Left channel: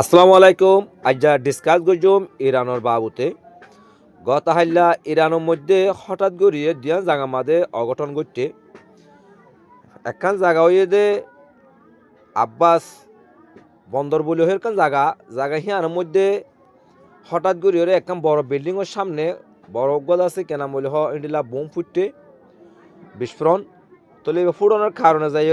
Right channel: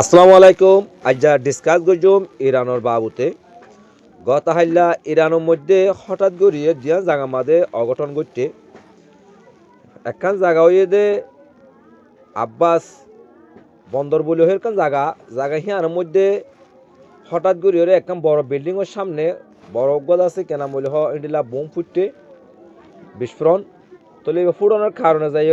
আসসালামু আলাইকুম। আজ্জা ডিসকাস করছুম ইরানোর বাবুতে গত হাইলা ইরানের মধ্যে হঠাৎ গড়িয়ে দিয়া জায়গা মাঝে অঘটন ঘটছে। একখান জায়গা হইয়ে দে আব্বাস বন্দর বলে একখান জায়গা হিয়ানোর মধ্যে হঠাৎ গড়িয়ে একখান বড় বিল্ডিংয়ের সামনে বড় গদ আছে কেনা বলে ইন্ডিলা বোম ফুটতে বিস্ফোরণ তলে ফুটানোর কারণে যাই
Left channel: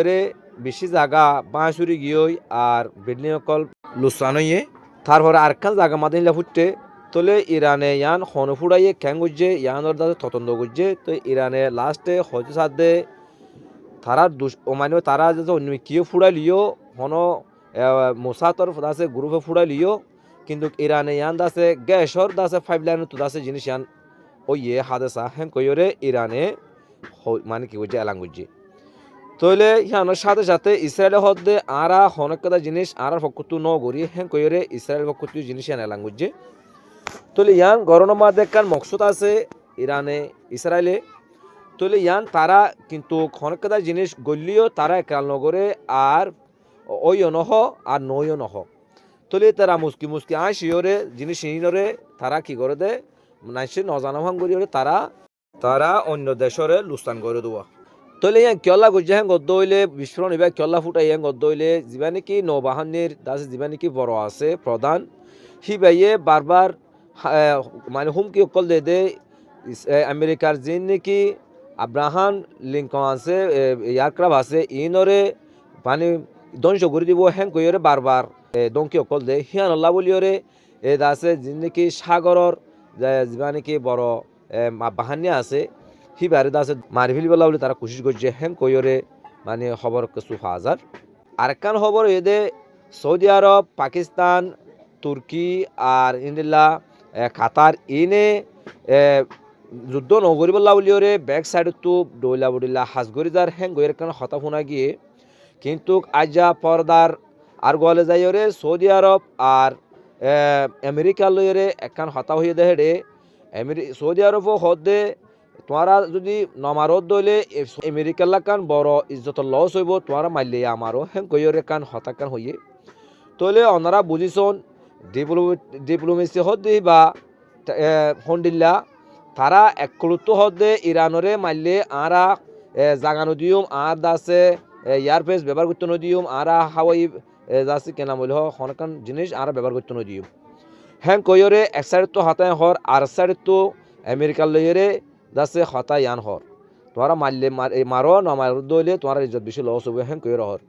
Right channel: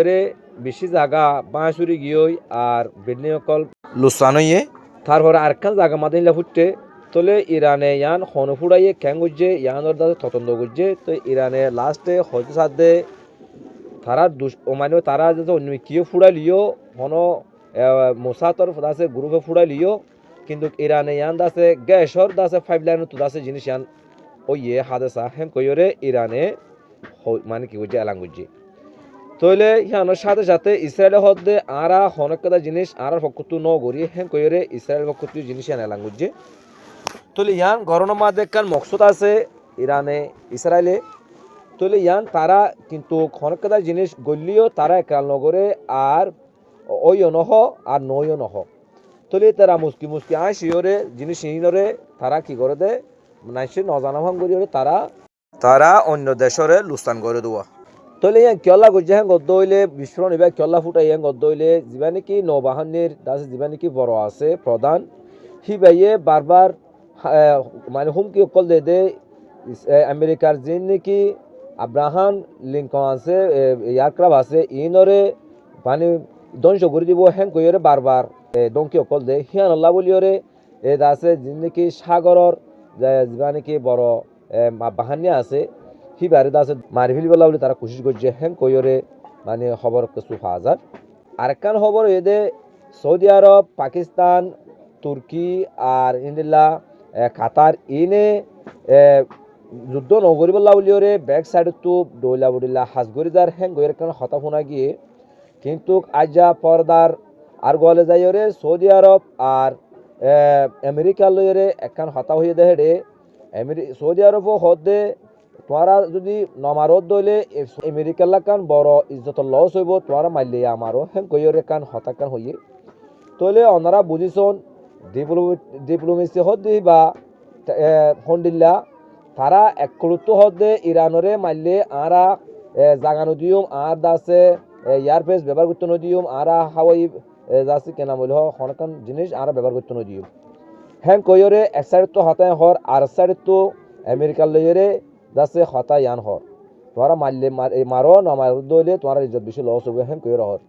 বেশি জায়গা বাঁশুরি গিয়ে আর বিল্ডিং অকল লুসান হইয়ে তারপরে আরেকখান জায়গা মাঝে নিলা ফুটতে তলে ইরানে ইয়ান হন ফুড়াইয়ে খ্যাং গুজছে ইয়ানোর দাদা ততন্দ গুজছে তো ইরানে লাস্টে হয়তো সাথে তারা মানে তারা যে অন্য কিয়ে ফুড়াই লিও হন মোসাতর দাসে গ্রুপে ফুড়াই লিও কিন্তু ইরানে ইয়ান দাসে গ্যাসর দাসে পাইপ লাইন তো দাসে জিনিস ইয়ান ওই ইয়ে হাদেসা হ্যাঁ কইরে ইরানে মানে কি গুজছে এলাং গুজছে তইলে হিয়ানোর সাথে সাথে ইসরায়েলের হদ্দে আরা অনেক কথা জিনিস আর পক্ষতু ন গড়ি হ্যাঁ কইরে ইসরায়েল পক্ষতু জিনিস ইয়ান এলাং গুজছে তলে ইয়ান গরমের মাঝে একখান মকসুদ আছে ইরানে ইসরায়েলে তলে ইয়ান তারা কিন্তু অনেক কথা জিনিস গলিও তারা একাল নগরে আর ওইও নহ আর নইও নহ তলে তারা মুসকি মুসকি শিওরে জিনিস ইনরে তারা কি করে দে নাইসে নজানহান করি তারা অন্য দেশরে লুস্তান করে দেওয়া তলে ইয়ান কিয়লা গুজে হ্যাঁ গদ্দ হইলে বিস্ফোরণ এবার কিয়লা ফুটাই হ্যাঁ গদ্দ হইলে যিবা নাকি নৌবাহিনীর দাসে যিবা নাকি বড় আছে প্রধান হি বাইয়ে বারবার মানে হুমকি অকল দে আমেরিকার যিন নাকি আব্রাহাম লিঙ্কন আছে এয়ারক্রাফট আছে ইনরে মানে ধ্বংস করে দিব হ্যাঁ কইরে বারবার দংকি অকল দে হিয়ান আল্লাহ বলিওরে আছে যিন নাকি সাগরর যা নাকি বড় বাহানি আছে হি বারে দাসে মারি ফেলিবেলা বলে তারা কোশিশ করছে হ্যাঁ কইরে মানে খবর কিছু হাজার আরেকখান খবর এদে সৌদি আরব পাকিস্তান তুর্কি আর ইন্ডিলা কাতার ইনে যুদ্ধ নগরিবল্লা বলিওরে ব্যাক সাইড তো ডইলা বডিলা হাজগরিদার হ্যাং গইয়ের কারণ হতা ফোনা গিয়ে কিন্তু আজা পর্দার আর গলে যাইরে সৌদি আরব আর আমেরিকা লইরে একখান হতা হয়ে দেহে রে সৌদি আরব হদে তোমরা যদি নমারত দইলে আমেরিকার লাগান বড় ইজ্জত লস হইব তোমরা মারলে আমারও হ্যাং গইয়ের কান হতাকান হইয়ে তলে ওনারা বুঝিছন ডিপ্লোমেসি হদে বা হন্ডিল্লা তারা একলুত্ব হদে ইরানরে মারলে আরা জাগানো দিউম আর দাসে এয়ারফেস ব্যবহার করতে নদিউম আরা হাওয়াই দাসে কেনা বলে হনকান জিনিস আরা ব্যবহার করতে নদিউম হ্যাঁ কইরে এক সাইড তো হতায় হর আর সাইড তো আমেরিকার লইরে দাসে হতায় ইয়ান হর তোমরা মারলে মারো না মার দইলে তোমার ইজ্জত বেশি লস হবে হ্যাঁ কইরে হর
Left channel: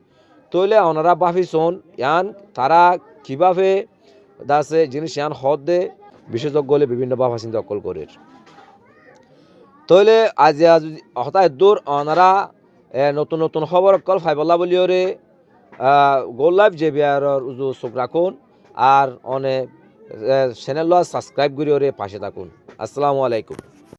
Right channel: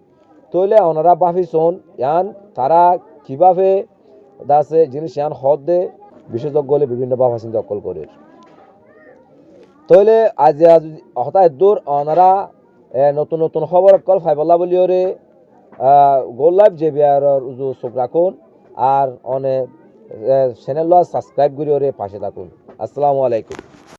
তইলে ওনারা ভাবিছন ইয়ান তারা কিভাবে দাসে জিনিস ইয়ান হদ দে বিশেষজ্ঞ হলে বিভিন্ন ভাবা চিন্তা অকল করে তইলে আজ হতায় দূর ওনারা নতুন নতুন খবর অকল ফাইবল্লা বলিওরে গোলাপ জেবিয়ারর উজু চোখ রাখুন আর অনেক চ্যানেল সাবস্ক্রাইব করিওরে পাশে থাকুন। আসসালামু আলাইকুম।